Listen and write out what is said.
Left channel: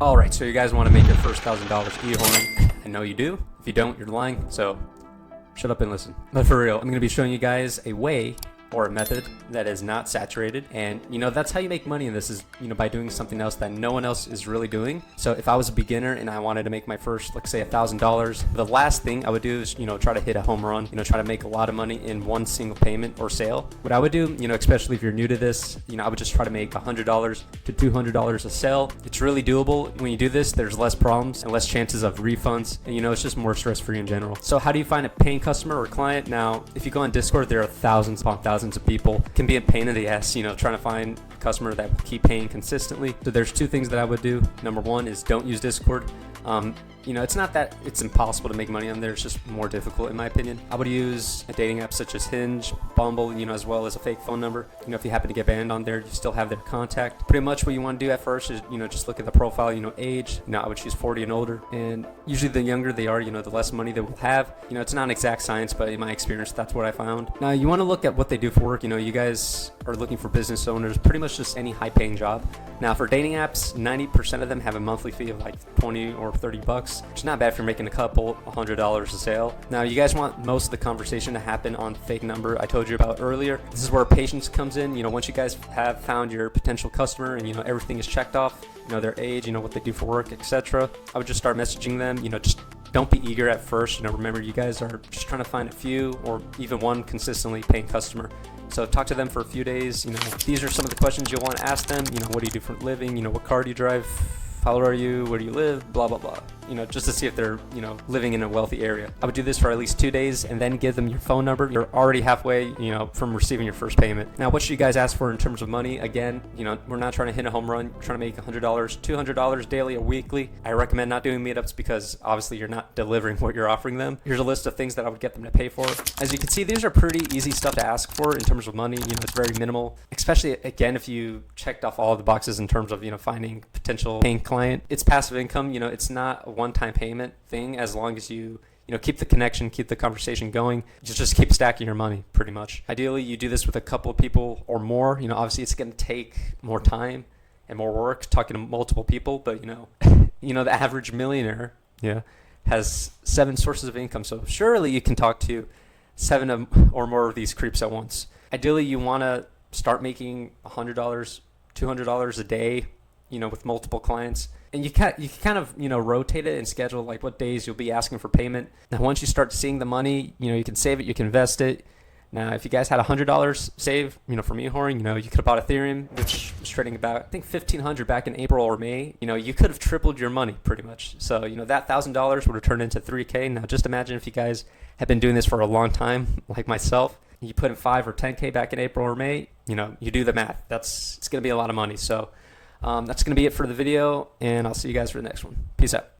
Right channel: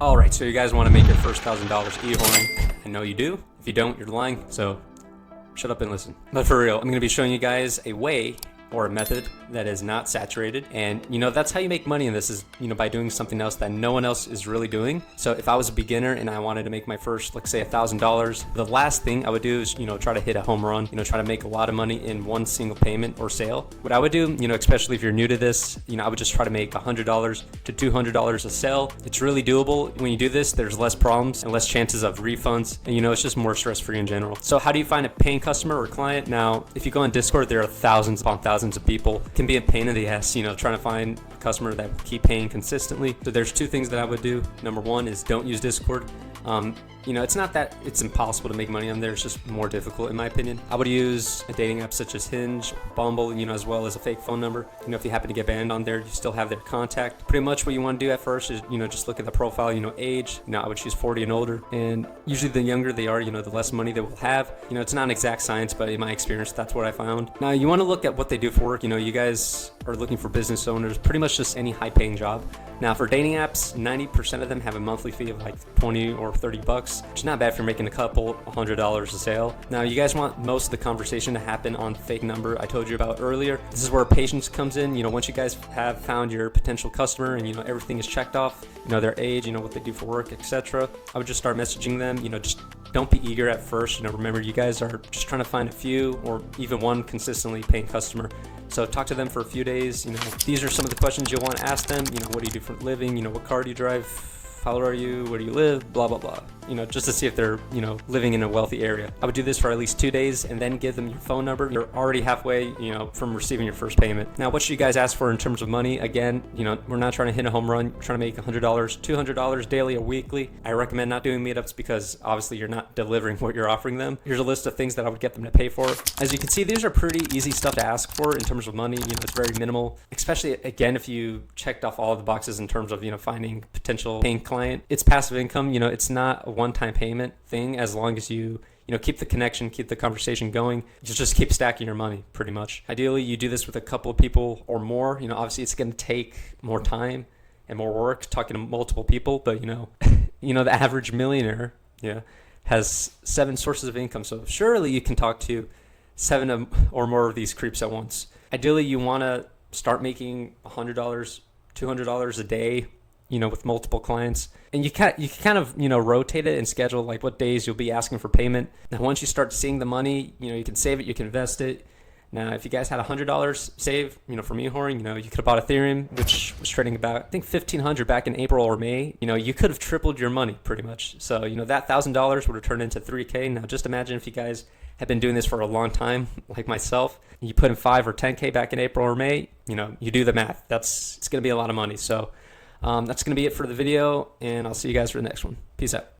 All right, so you guys want to make your first $1,000 e-whoring. I know you do. If you don't, you're lying. So shut up and listen. But for real, I'm going to be showing you guys a way or a method that is not saturated. And that's how you make money in this is, by doing something else that no one else is really doing. So if I was a beginner and I wanted to make my first, let's say $1,000, the last thing I would do is, try to hit a home run, try to make a lot of money in one single payment or sale. What I would do, especially if you're new to this, I would just try to make $100 to $200 a sale. It's really doable. When you do this, there's less problems and less chances of refunds. And it's just more stress free in general. So how do you find a paying customer or client? Now, if you go on Discord, there are thousands upon thousands of people. It can be a pain in the ass, trying to find a customer that will keep paying consistently. So there's two things that I would do. Number one is don't use Discord. It's not that it's impossible to make money on there. It's just more difficult in my opinion. I would use a dating app such as Hinge, Bumble, as well as a fake phone number. If you happen to get banned on there, you still have their contact. Pretty much what you want to do at first is, just look at the profile, age. I would choose 40 and older. And usually the younger they are, the less money they will have. It's not an exact science, but in my experience, that's what I found. Now you want to look at what they do for work. You guys are looking for business owners, pretty much just any high paying job. Now for dating apps, 90% of them have a monthly fee of like 20 or 30 bucks, which is not bad if you're making a couple $100 a sale. Now you guys want most of the conversation to happen on the fake number I told you about earlier. This is where patience comes in. Once you guys have found your potential customer and everything is checked off, their age, what they do for work, etc. I would just start messaging them. Just don't be eager at first. Remember, you guys are just trying to find a few or even one consistently paying customer. So talk to them for a few days. These are some of the questions you'll want to ask them. What do you do for a living? What car do you drive? How old are you? Where do you live? Blah, blah, blah. Just to see if they're, living in a wealthy area. I would do this for at least 2 days and then give them your phone number. You're already halfway, from receiving your first payment. Now, what should you guys ask for in terms of money? Again, we're not trying to hit a home run. We're trying to make $100, $200 daily or weekly. I recommend not doing meetups because obviously you're not delivering what you're offering them. Here's a list of things that I would get them to pay for. As you can see, these are pretty easy stuff to ask for in terms of money. It's very minimal, especially again, if you checked off all of the boxes in terms of, finding potential paying client. It's passive income. It's not a one-time payment thing. As long as you keep the connection, keep the conversation going, just keep stacking your money pretty much. Ideally, you do this with a couple of people or more. Obviously it's going to take more time and more work talking to multiple people, but the average millionaire has 7 sources of income. So surely you can talk to 7 or more of these creeps at once. Ideally, you want to start making $100, $200 a day, with multiple clients. And you can kind of, rotate it and schedule like what days you'll be asking for payment. Now, once you start seeing the money, you can save it, you can invest it. Now, if you guys had $100 saved, from e-whoring, you could have bought Ethereum, which was trading about, I think, $1,500 back in April or May. You could have tripled your money pretty much. So, that $1,000 would have turned into $3K. Now, just imagine if you guys have been doing this for a long time, like myself. You put in 5 or 10K back in April or May, you do the math. It's going to be a lot of money. So, that's going to be it for the video, and I'll see you guys for the next one. Peace out.